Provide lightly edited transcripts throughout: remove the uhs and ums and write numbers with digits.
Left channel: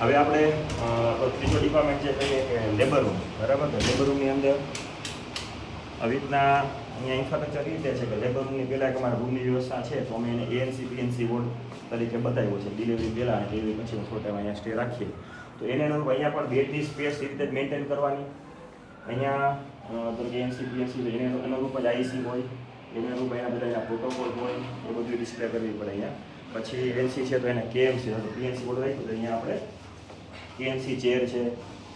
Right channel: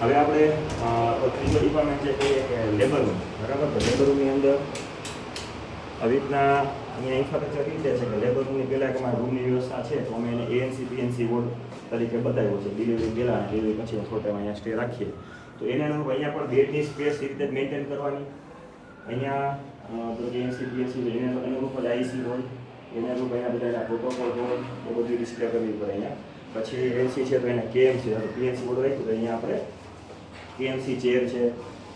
હવે આપણે ત્રીજો ડિપાર્ટમેન્ટ છે કહીએ કે લેબર રૂમ, બરાબર. તો લેબર રૂમની અંદર આવી રીતના અહીંયા ઇન્ફ્રાસ્ટ્રક્ચર રીતે છે કે લેબર રૂમની પહેલાં અમારા રૂમની વ્યવસ્થા છે તો અમે એને એએનસી પીએનસી વોર્ડ તરીકે બતાવ્યો છે. ડિલિવરી પહેલાં અને ડિલિવરી પછી થોડો ટાઈમ અહીંયા સ્ટે રાખીએ તો એને અનુરૂપ અહીંયા પણ બેડની સ્પેસ એ રીતે જ મેન્ટેન કરવાની. અહીંયા તો કે એએનસી પીએનસી એને અનુરૂપ જ આઈસી હોય, એને અનુરૂપ એના બધા એના પ્રોટોકોલ હોય એ બધું ડિસ્પ્લે કરવી પડે અહીંયા. પછી એનસી છે તો એને કેએમસી તો પીએનસી બોર્ડ રાખ્યું તો અહીંયા આપણે કેએમસી ચેર છે,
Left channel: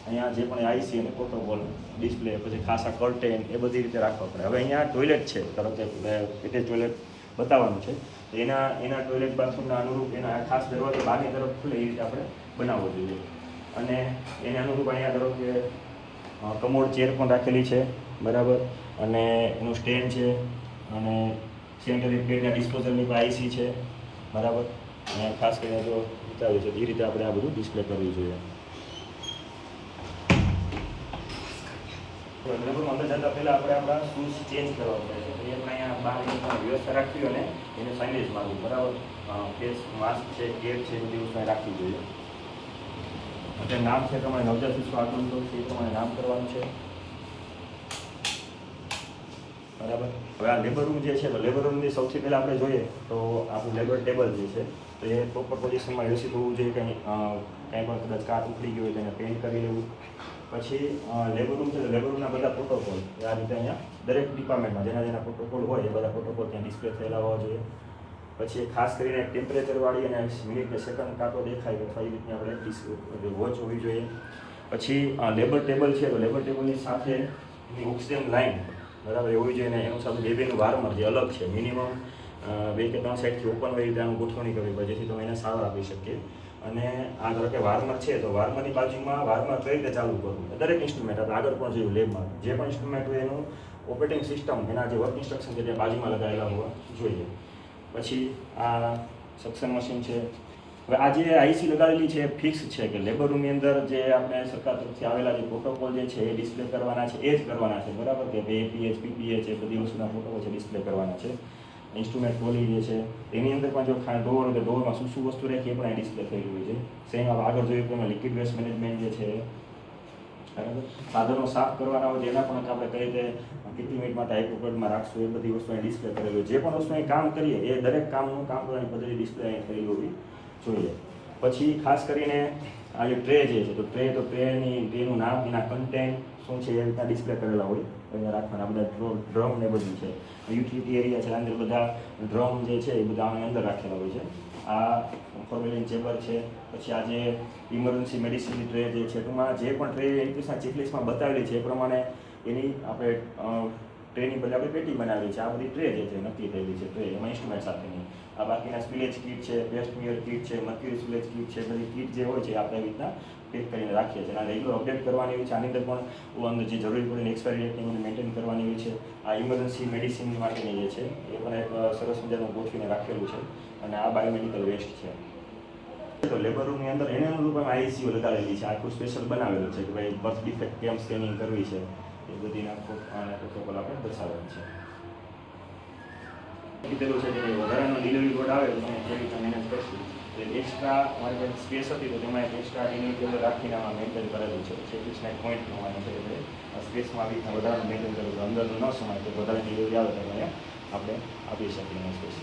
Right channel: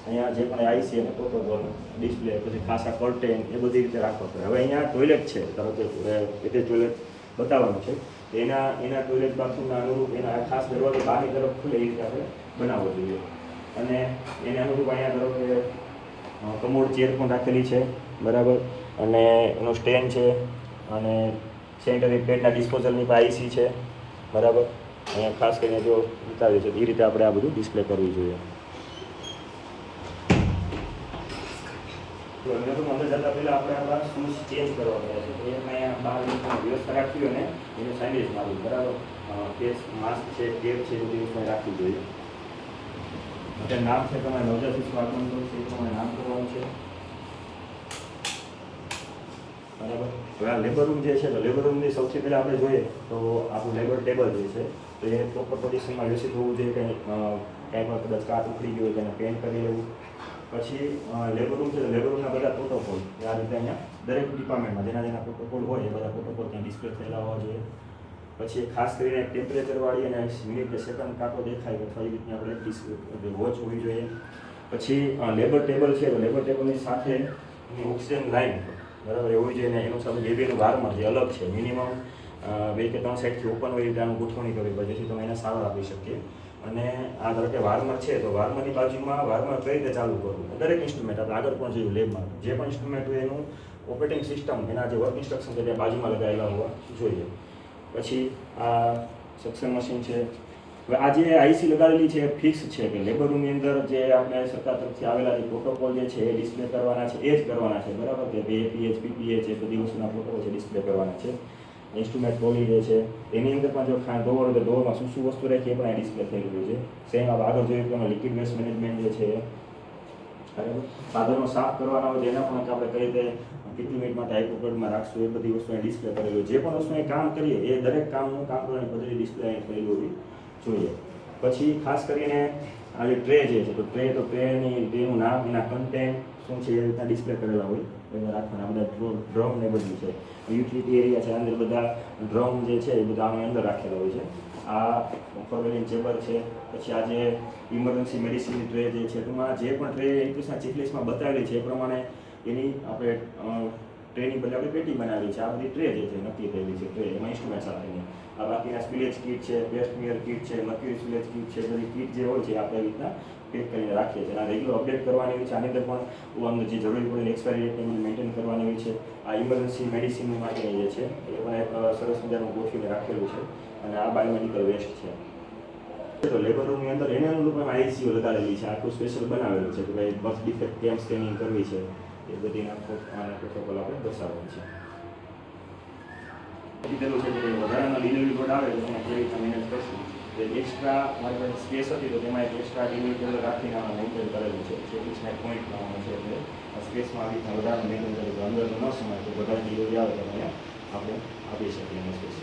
અહીંયા જે પણ આઈસી અને પ્રોટોકોલ ડિસ્પ્લે, પછી ખાસા કર્ટેન એ બધી રીતે રાખવા પડે. હવે અહીંયા ટોયલેટ છે, ધારો કે ટોયલેટ બતાવવાનું છે તો એના ટોયલેટ બાથરૂમના અનુરૂપ એના ખાસ દરવાજો બહારની તરફ ખુલે એ રીતે આપણે બનાવવો જોઈએ. અને એને અનુરૂપ અહીંયા ધારો કે કમોડ ચેર પણ રાખેલી છે, બરાબર. અને એનો સ્ટેન્ડ છે અને સેનિટરી પેડના ડિસ્પોઝલની પણ આઈસી છે, બરાબર. અહીંયા ખાસ કરીને જો બતાવીએ તો એ રીતે આપણે આ બધું ડિસ્પ્લે કરવું જોઈએ. અંદર જતાં પહેલાં આપણે આપણા શૂઝ ચેન્જ કરવા પડે છે તો એમાં અહીંયા બહાર વ્યવસ્થા રાખવી અને એને સાઇલેજ મારવી, બરાબર. કેસ માસ્ક છે, કેપ છે, બધી વસ્તુ રાખવી જોઈએ. અત્યારે નામ છે તમારે નવજાત શિશુ આગમન કરવું છે એ તમારે નામ કરવાનું છે, બરાબર. હવે આ લેબર રૂમ જે છે તો લેબર રૂમની સૌથી પહેલાં આપણે જોઈએ તો આપણું લેબર ટેબલ જે છે તો એ પ્રોપર પોઝિશનમાં વ્યવસ્થિત હોવું જોઈએ. કંઈ પણ કદાચ કાચ ઉખડી ગયું હોય તેને પેન્ટ કરી લેવું. પછી લેબર રૂમ છે લેબર રૂમના બધા પ્રોટોકોલ આ રીતે અહીંયા દરેક ડિપાર્ટમેન્ટમાં જેના પ્રોટોકોલ હોય એ બધા પ્રોટોકોલ ત્યાં ડિસ્પ્લે થયેલા હોવા જોઈએ. પછી ખાસ કરીને ટેમ્પરેચરવાળી અને મિનિટ સેકન્ડ કાંટો દેખાય અથવા એ રીતની આપણે વોચ હોવી જોઈએ. પછી લેબર ટેબલ છે તો લેબર ટેબલની સાથે એની ઓક્સિજન લાઇન, બરાબર, એ હોવી જોઈએ. અને એનું સાથે બેબીનું વાર્મર જે અલગ છે, મિનિમમ 2 કે 3 સાઈડથી ઓપન હોય રીતે આનું ગોઠવણી કરવી પડે જેથી તમે એને સારો આપી શકીએ. અને આ ધારો કે વાર્મર છે તો વાર્મરની બાજુમાં વાર્મર કઈ રીતે ચાલુ કરવું, દરેક ઇન્સ્ટ્રુમેન્ટ આપણે આગળ પણ જોયું લેબમાં જે પણ ઇન્સ્ટ્રુમેન્ટ હોય એનું ઓપરેટિંગ સિસ્ટમ એના જે વર્ક ઇન્સ્ટ્રક્શન છે તે બાજુમાં લગાવેલા હોવા જોઈએ. પછી આ સક્શન મશીન છે. હવે આ જે આઈસી લગાવેલી છે એ ફિક્સ છે કે લેબર રૂમની અંદર જે આપણે સરકાર તરફથી આવેલા જે પ્રોટોકોલ જે છે એ ડિસ્પ્લે કરવાના છે એ જ કરવાના છે, બરાબર. કે એપીએચ પીપીએચ એ બધી વસ્તુના પ્રોટોકોલ છે ડિસ્પ્લે કરવાના છે. ઇન્સ્ટ્રુમેન્ટ ટ્રોલી જે છે એની અંદર પણ જો ડોર કે ડોરમાં શું વસ્તુ રાખી એ પણ આ ડિસ્પ્લે થયેલી હોય છે. સેમ આગળ જોયું કે એમાં લિક્વિડ વેસ્ટ મેનેજમેન્ટ જે છે, બરાબર. સાધનો સાફ કરવાના હોય એના પણ આપણે કઈ રીતે કેટલી મિનિટ માટે હાઈપોકર્ડમાં રાખશું એ બધી વસ્તુને ડિસ્પ્લે કરેલી હોય. જે પણ વસ્તુ અહીં કામ કરીએ એ દરેક કામનું કામ કરવાની પદ્ધતિ ડિસ્પ્લે અહીં થયેલી હોવી જોઈએ. પછી ખાસ કરીને આ જે ટ્રે જે છે તો ટ્રેનું નામ, એના કન્ટેન્ટ શું છે એ રીતના ડિસ્પ્લે કરેલા હોય અહીંયા રાખવાના. બધા ડ્રમ ને બધું છે, યુટિલિટી એરિયા છે, અંદર બધા ડ્રમ જે છે એ બધા અમે અંદર રાખેલા હોય છે. આ ફોરવેલિંગ ચેમ્બર છે. પછી આ જે ઇમરજન્સી મેડિસિનની ટ્રે જે છે ટૂંકમાં જે પણ ટ્રે એકવીસના ચેકલિસ્ટમાં બતાવેલી છે એ પ્રમાણે એની આપણે ટ્રેની બદલે આપણે પેટી બનાવેલી છે. આ બધી ટ્રે જે છે નક્કી થયેલી છે ટ્રે એમાં ઇન્સ્ટ્રુમેન્ટ સાથેની. આ બાકીના સ્પિલેજ કીટ છે, પેસ્ટમિયર કીટ છે, મર્ક્યુરી સ્પિલેજ કીટ છે, બધી કીટ જે હોય છે આપણે એ રીતના પેક કરીને રાખીએ છીએ. અને રેગ્યુલર અપડેટ કરવાની હોય છે. આની અંદર પણ અંદર જે જરૂરી પડે એક્સપાયરી ડેટ બધું મેન્ટેન કરવાની હોય છે. આ ઇમરજન્સી મેડિસિનની માટેની જે છે એ પણ એક સરસ મજાનું ગોઠવીને રાખેલું છે. અને આ બાયોમેડિકલ વેસ્ટ છે. તો લેબર રૂમની અંદર એને અનુરૂપ આઈસીયુ લગાવેલી છે, આખું સ્પેશિયલ બનાવેલું છે કે ભાઈ બર્થ ડિફેક્ટ કેમ સ્કેનિંગ કરવી છે એ બધી પ્રોટોકોલ આપણે દર્શાવવાનું છે. કીધેલું છે કે વધારાનો ડિલિવરી બોર્ડ આવે તો જે રીતે મેનેજ કરશું. જે એક્સ્ટ્રા મારી પાસે સ્પેસ હતી તો તેમાં એક એક્સ્ટ્રા ડિલિવરી રાખીને મેન્ટેન કરેલું છે. એકવીસના એક પોઈન્ટ પ્રમાણે છે એટલે સ્પેસમાં આવી રીતના વધારાનું મેન્ટેન કરેલું. અંદરનું ન સમાય તો વધારે ડિલિવરી આવે તો અહીંયા આપણે આપી શકીએ સ્પેસ.